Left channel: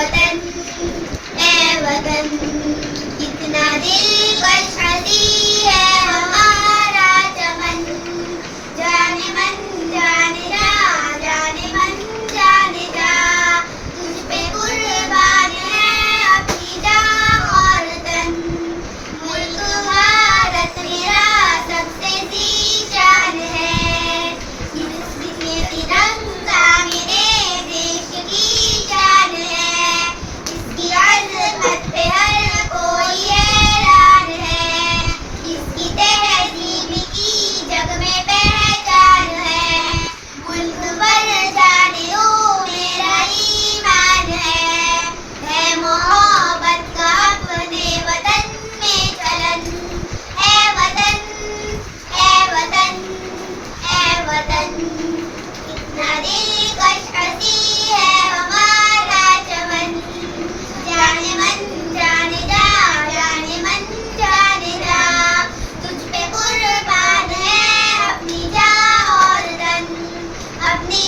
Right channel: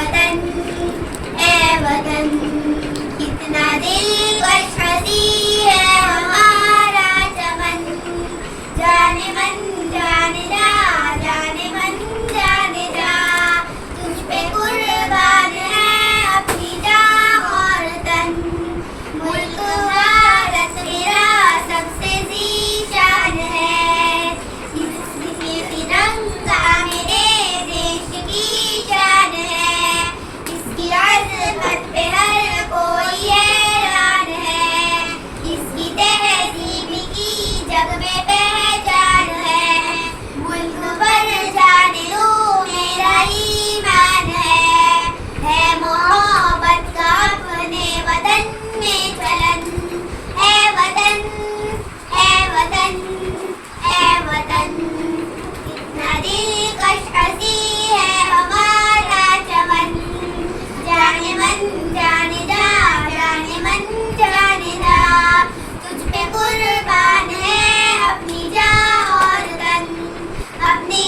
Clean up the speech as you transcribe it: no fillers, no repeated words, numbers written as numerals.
वतन ए वतन, कितना दिलकश हसी है हमारा चमन। जाने मन जाने जा, जाने मन जाने जा, तुझ पे कुर्बान है अपनी जान और तन। मुल्क भारत मेरा सबसे ज़ीशान है, इसलिए तिरंगा मेरे देश की शान है। इसकी अज़मत पे हर कोई हैरान है, इसकी तहज़ीब की जग में पहचान है। मुल्क पर जाने दो मेरा ईमान है मोहब्बत का अपने वतन में चलन। है वतन है वतन है वतन, कितना दिलकश हसी है हमारा चमन। जाने मन जाने जा, जाने मन जाने जा, तुझ पे कुर्बान है अपनी जान और तन, अपनी